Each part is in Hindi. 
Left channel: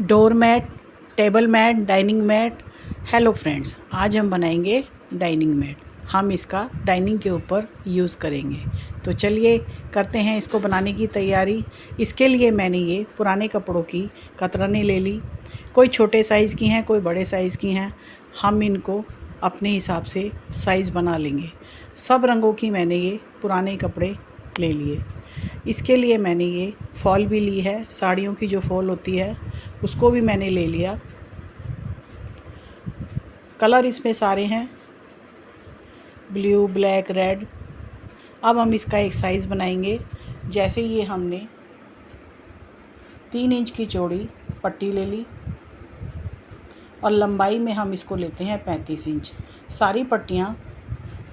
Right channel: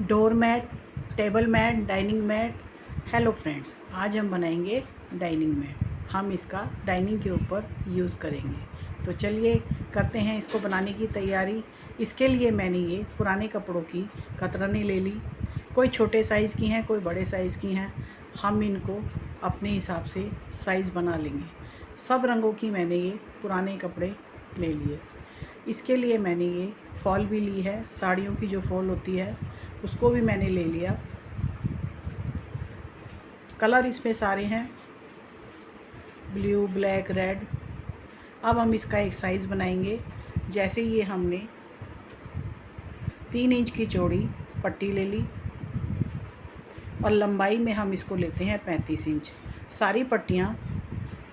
Door mat, table mat, dining mat. Hello friends, आज हम बनाएंगे डाइनिंग मैट। हम इसका डाइनिंग के ऊपर यूज़ करेंगे। तो चलिए करते हैं इसको बनाने की तैयारी। इसके लिए मैंने ये पुराने कपड़ों की कतरनें ले ली। कोई छोटे साइज़ की हैं, कोई बड़े साइज़ की हैं। हम इनको अपने हिसाब से साइज़ बना लेंगे। सब रंगों की मैंने ये पुराने कपड़े ले लिए। इसके लिए मैंने ये फॉल भी ली है, साड़ियों की जो फॉल होती है उसको भी मैंने ले लिया। कलर इसमें सारे हैं, ब्लू, ब्लैक, रेड। अब हम इसका एक साइज़ बनाएंगे। जैसे ये हमने 3 इंच की चौड़ी पट्टी ले ली और लंबाई में हम इसको लेते हैं 35 इंच। सारी पट्टियाँ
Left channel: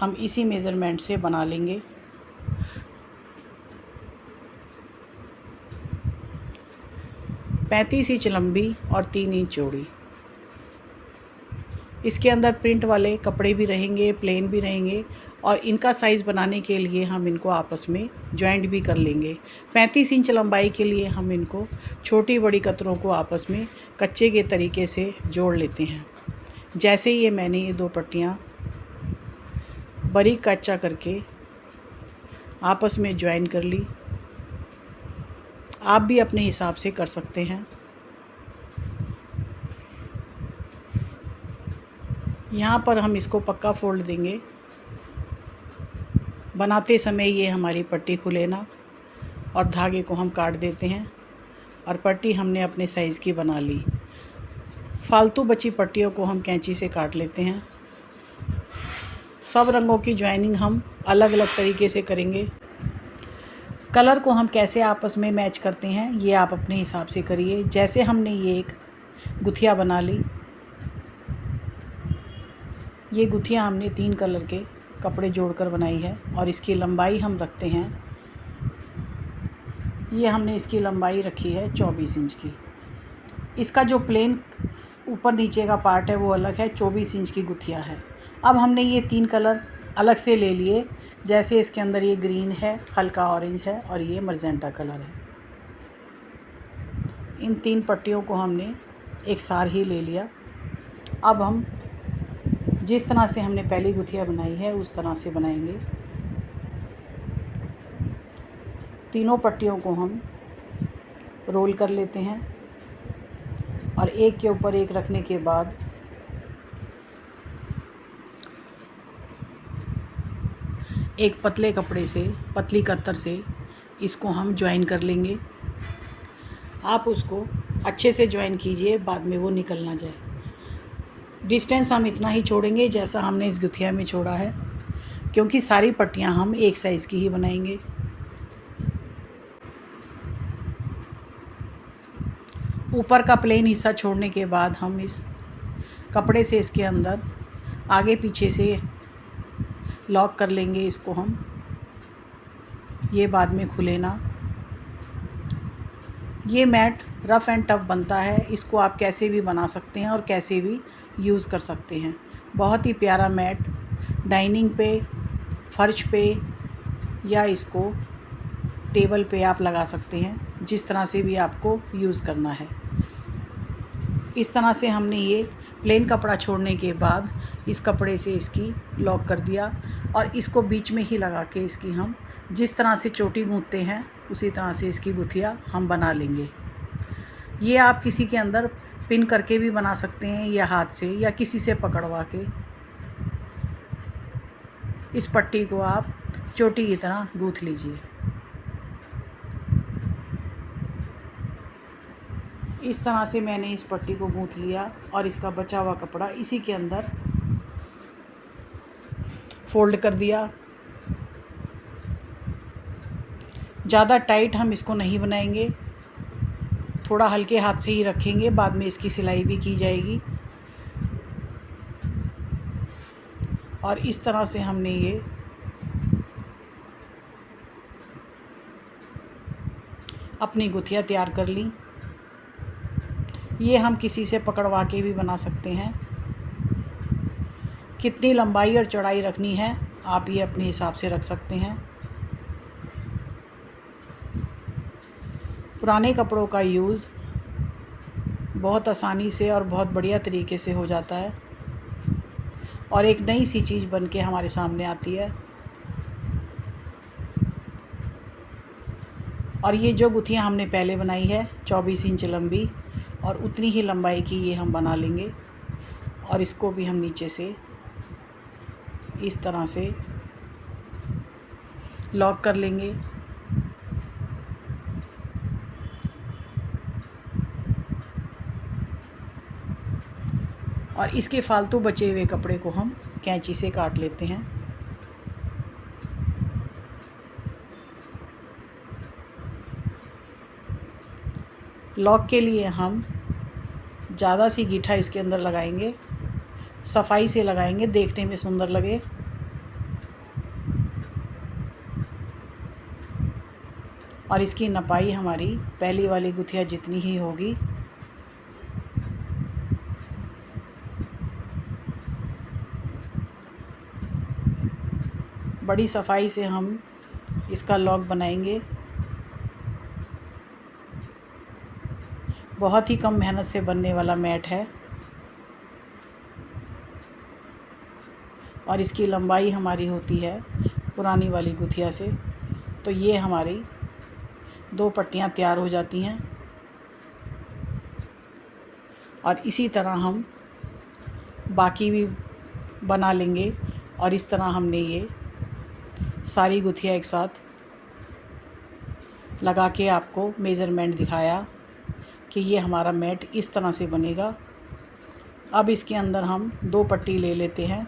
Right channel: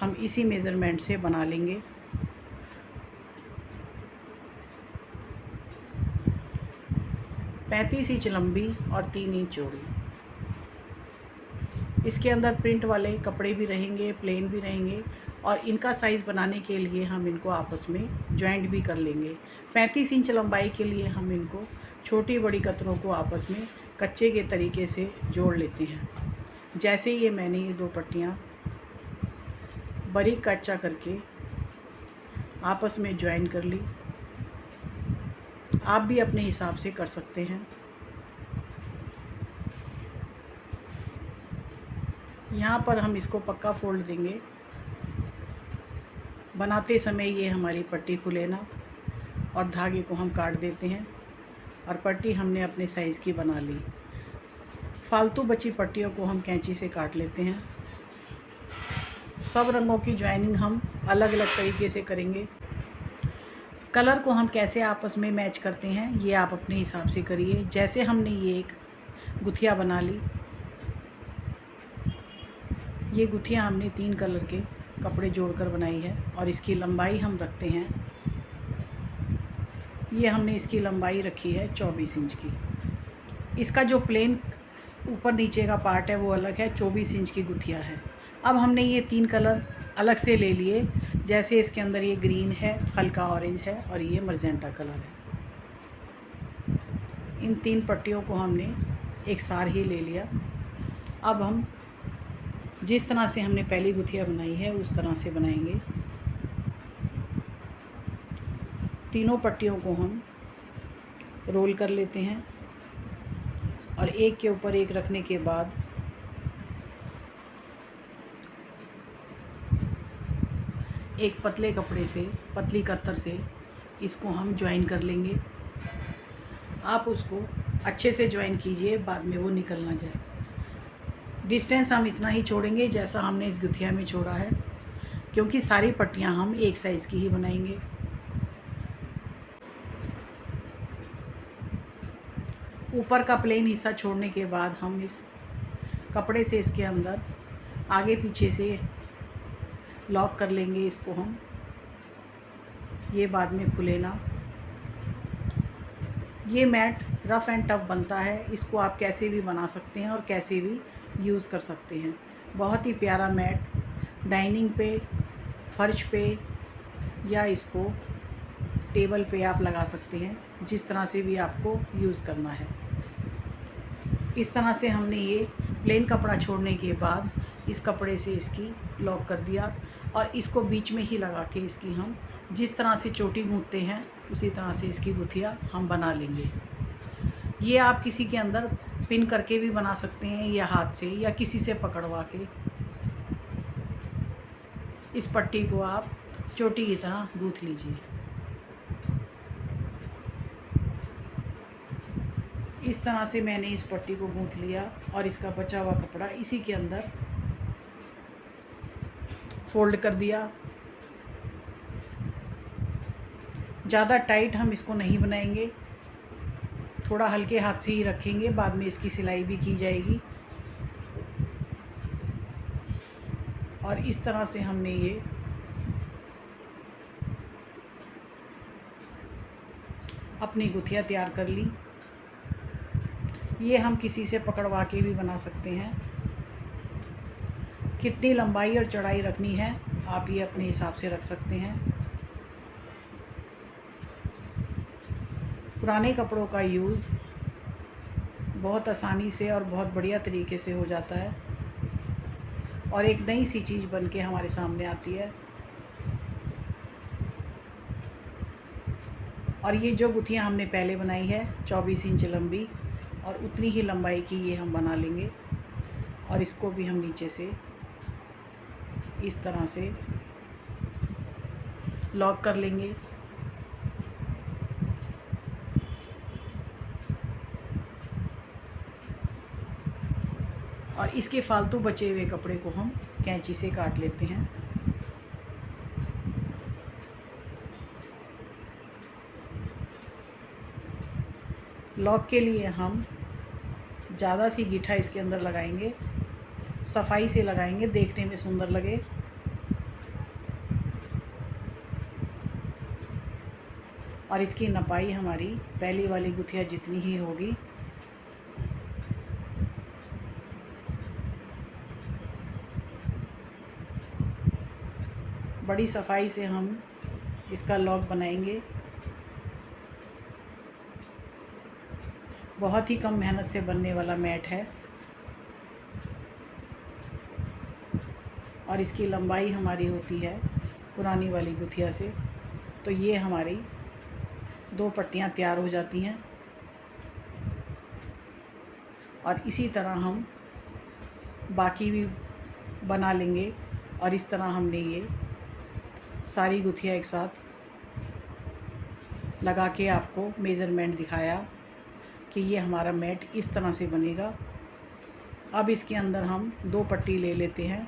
हम इसी मेज़रमेंट से बना लेंगे। पैंतीस इंच लंबी और 3 इंच चौड़ी। इसके अंदर प्रिंट वाले कपड़े भी रहेंगे, प्लेन भी रहेंगे और इनका साइज़ बनाने के लिए हम इनको आपस में जॉइंट भी कर लेंगे। 35 इंच लंबाई के लिए हम इनको छोटी बड़ी कतरों को आपस में कच्चे के तरीके से जोड़ लेते हैं। जैसे ये मैंने ये 2 पट्टियाँ बारीक कच्चा करके आपस में जॉइन कर ली। आप भी अपने हिसाब से कर सकते हैं। यहाँ पर हम इसको पक्का फोल्ड देंगे। बनाते समय ये हमारी पट्टी खुले ना, और धागे को हम काट देते हैं और पट्टी हमने अपने साइज़ की बना ली। फालतू बची पट्टियों को हम कैंची से काट लेते हैं। सब रंगों की ज्वाइनिंग हम अलग अलग तरीके से करेंगे। कलर को हम कैसे आपस में मैच करते हैं ये आप अपने हिसाब से करिए। जैसे हमने ये एक गुथिया बना ली। ये गुथिया हमने 3 कलर के कपड़े जोड़कर बनाई है और इसकी लंबाई हम रखते हैं, ये हमने इसकी लंबाई रखी है 24 इंच की। इसका जो प्लेन ऊपर नीचे का पार्ट है वो अलग है, 24 इंच की गुथिया है। अब हमने ये 3 कलर अलग से ले लिए। जैसे इसके अंदर ये ग्रीन है, हल्का ऑरेंज है और ये मजेंटा कलर है। इन 3 पट्टियों को हमने एक सार ही ले लिया। अब हम जिस तरह से हमने पहली गुथिया बनाई है उस तरह से बनाएंगे। तीनों पट्टियों को हम रोल कर लेते हैं और एक के ऊपर एक रखने के बाद एक पतले कपड़े से, पतली कत्तर से इसको हम ज्वाइन कर लेंगे। आप उसको अच्छे से ज्वाइन कीजिए, बाद में वो निकल ना जाए। डिस्टेंस हम इतना ही छोड़ेंगे जैसा हमने इस गुथिया में छोड़ा है, क्योंकि सारी पट्टियां हम एक साइज़ की ही बनाएंगे। ऊपर का प्लेन हिस्सा छोड़ने के बाद हम इस कपड़े से इसके अंदर आगे पीछे से लॉक कर लेंगे। इसको हम, ये बाद में खुले ना। ये मैट रफ़ एंड टफ़ बनता है। इसको आप कैसे भी बना सकते हैं और कैसे भी यूज़ कर सकते हैं। बहुत ही प्यारा मैट डाइनिंग पे, फर्श पे या इसको टेबल पे आप लगा सकते हैं, जिस तरह से भी आपको यूज़ करना है। इस तरह से हमने ये प्लेन कपड़ा छोड़ने के बाद इस कपड़े से इसकी लॉक कर दिया और इसको बीच में ही लगा के इसकी हम जिस तरह से चोटी गूंथते हैं उसी तरह से इसकी गुथिया हम बना लेंगे। ये आप किसी के अंदर पिन करके भी बना सकते हैं या हाथ से या किसी से पकड़वा के इस पट्टी को आप चोटी की तरह गूंथ लीजिए। इस तरह से मैंने इस पट्टी को गूंथ लिया और इसका बचा हुआ कपड़ा इसी के अंदर फोल्ड कर दिया। ज़्यादा टाइट हम इसको नहीं बनाएंगे, थोड़ा हल्के हाथ से ही रखेंगे, बाद में इसकी सिलाई भी की जाएगी। और इस तरह से हमने ये अपनी गुथिया तैयार कर ली। ये हम किसी से पकड़वा के भी बना सकते हैं। कितनी लंबाई और चौड़ाई रखनी है आप ये अपने हिसाब से रख सकते हैं। पुराने कपड़ों का यूज़ बहुत आसानी से और बहुत बढ़िया तरीके से हो जाता है और एक नई सी चीज़ बन के हमारे सामने आती है। और ये जो गुत्थियाँ हमने पहले बनाई है 24 इंच लंबी, और उतनी ही लंबाई की ये हम बना लेंगे और इसको भी हम नीचे से इस तरह से लॉक कर लेंगे। और इसके फालतू बचे हुए कपड़े को हम कैंची से काट लेते हैं। लॉक के लिए हम ज़्यादा सी गीठा इसके अंदर लगाएंगे, सफाई से लगाएंगे, देखने में सुंदर लगे। और इसकी नपाई हमारी पहली वाली गुथिया जितनी ही होगी। बड़ी सफाई से हम इसका लॉक बनाएंगे। बहुत ही कम मेहनत से बनने वाला मैट है और इसकी लंबाई हमारी होती है पुरानी वाली गुथिया से। तो ये हमारी 2 पट्टियाँ तैयार हो जाती हैं और इसी तरह हम बाकी भी बना लेंगे। और इस तरह हमने ये सारी गुथिया एक साथ लगा के आपको मेज़रमेंट दिखाया कि ये हमारा मैट इस तरह से बनेगा। अब इसके अंदर हम 2 पट्टी ले लेते हैं।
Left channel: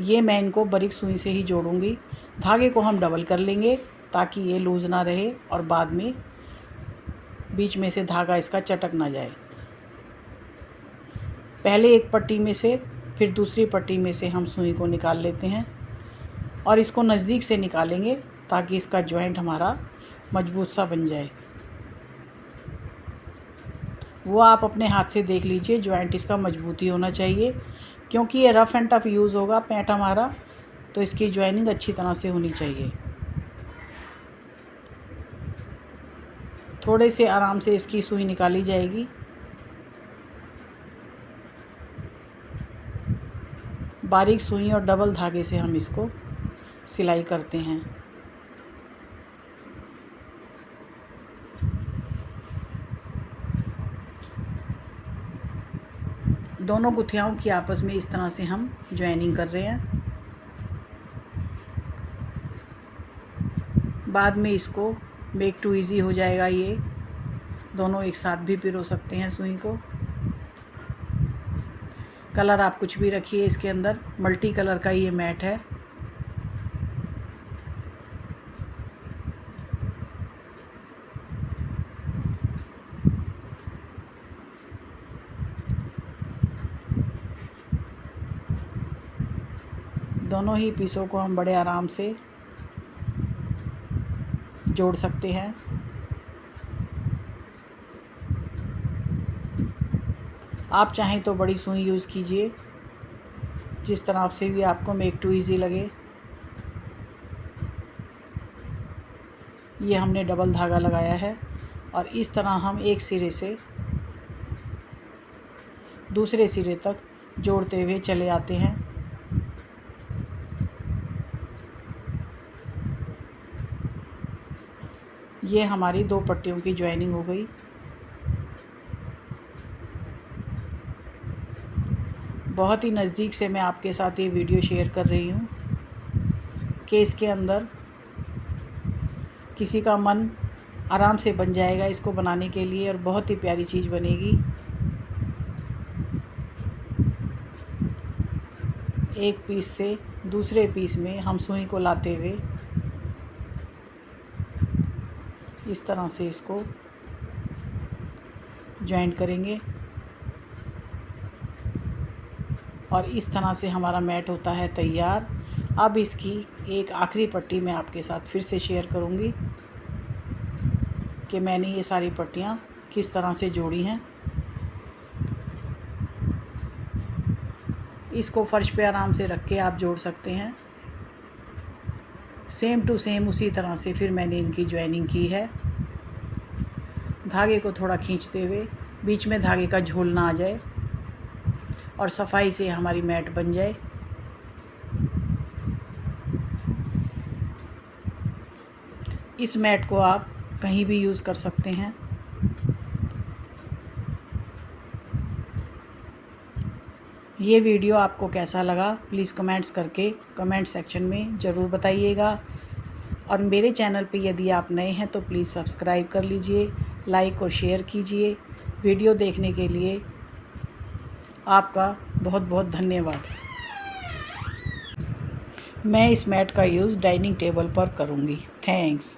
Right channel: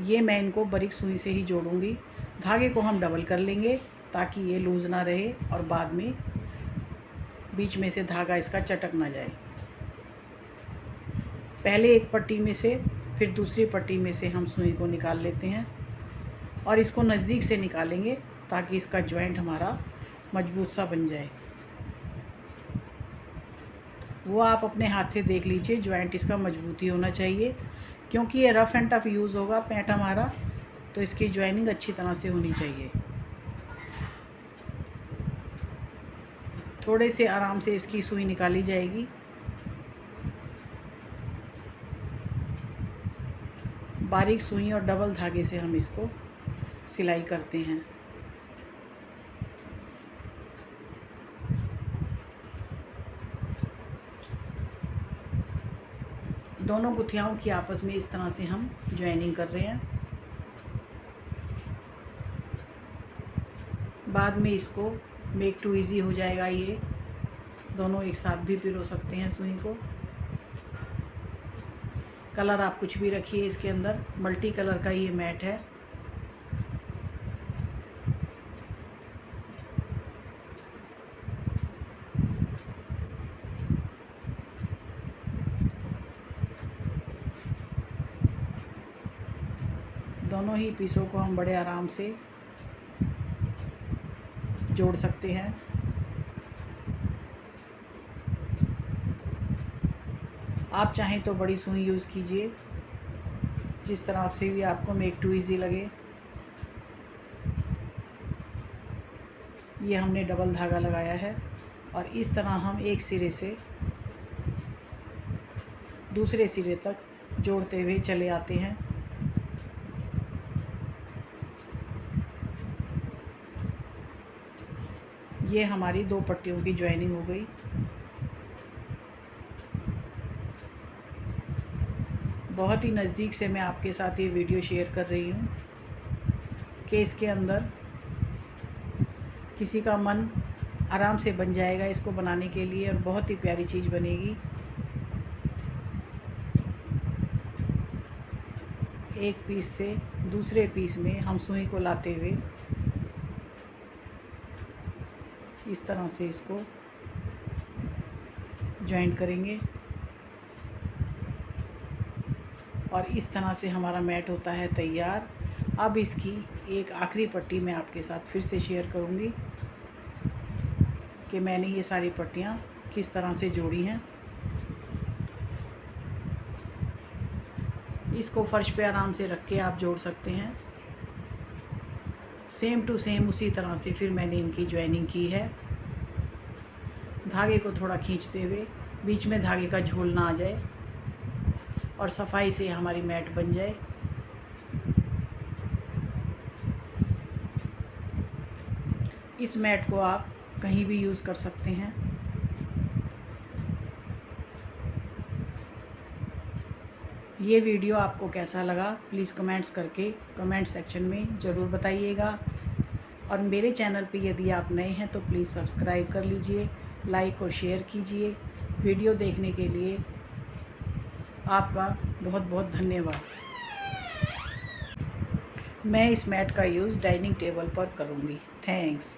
ये मैं इनको बारीक सुई से ही जोड़ूंगी। धागे को हम डबल कर लेंगे ताकि ये लूज़ ना रहे और बाद में बीच में से धागा इसका चटक ना जाए। पहले एक पट्टी में से फिर दूसरी पट्टी में से हम सुई को निकाल लेते हैं और इसको नज़दीक से निकालेंगे ताकि इसका जॉइंट हमारा मजबूत सा बन जाए। वो आप अपने हाथ से देख लीजिए, जॉइंट इसका मजबूत ही होना चाहिए क्योंकि ये रफ़ एंड टफ़ यूज़ होगा पैंट हमारा, तो इसकी जॉइनिंग अच्छी तरह से होनी चाहिए। थोड़े से आराम से इसकी सुई निकाली जाएगी। बारीक सुई और डबल धागे से हम इसको सिलाई करते हैं। दोनों गुथियाओं की आपस में इस तरह से हम जॉइनिंग कर रहे हैं। बाद में इसको मेक टू इजी हो जाएगा। ये दोनों एक साथ भी पिरो सकते हैं सुई को। कलर आप कुछ भी रखिए इसके अंदर, मल्टी कलर का ये मैट है। दोनों ही पीसों को हम बड़े आराम से जोड़ सकते हैं। आप चाहें तो बड़ी सुई यूज़ कीजिए, जिस तरह से भी आपको मेक टू इजी लगे। ये हमने डबल धागा लगाया है और इस तरह हम एक सिरे से दूसरे सिरे तक जोड़ते हुए चले आते हैं। ये हमारी 2 पट्टियों की जॉइनिंग हो गई। बहुत ही नज़दीक से मैं आपके साथ ये वीडियो शेयर कर रही हूँ कि इसके अंदर किसी का मन आराम से बन जाएगा इसको बनाने के लिए और बहुत ही प्यारी चीज़ बनेगी। एक पीस से दूसरे पीस में हम सुई को लाते हुए इस तरह से इसको जॉइंट करेंगे और इस तरह से हमारा मैट होता है तैयार। अब इसकी एक आखिरी पट्टी मैं आपके साथ फिर से शेयर करूंगी कि मैंने ये सारी पट्टियाँ किस तरह से जोड़ी हैं। इसको फर्श पे आराम से रख के आप जोड़ सकते हैं। सेम टू सेम उसी तरह से फिर मैंने इनकी जॉइनिंग की है। धागे को थोड़ा खींचते हुए बीच में धागे का झोल ना आ जाए और सफाई से हमारी मैट बन जाए। इस मैट को आप कहीं भी यूज़ कर सकते हैं। ये वीडियो आपको कैसा लगा प्लीज़ कमेंट्स करके कमेंट सेक्शन में ज़रूर बताइएगा। और मेरे चैनल पे यदि आप नए हैं तो प्लीज़ सब्सक्राइब कर लीजिए, लाइक और शेयर कीजिए। वीडियो देखने के लिए आपका बहुत बहुत धन्यवाद। मैं इस मैट का यूज़ डाइनिंग टेबल पर करूँगी। थैंक्स।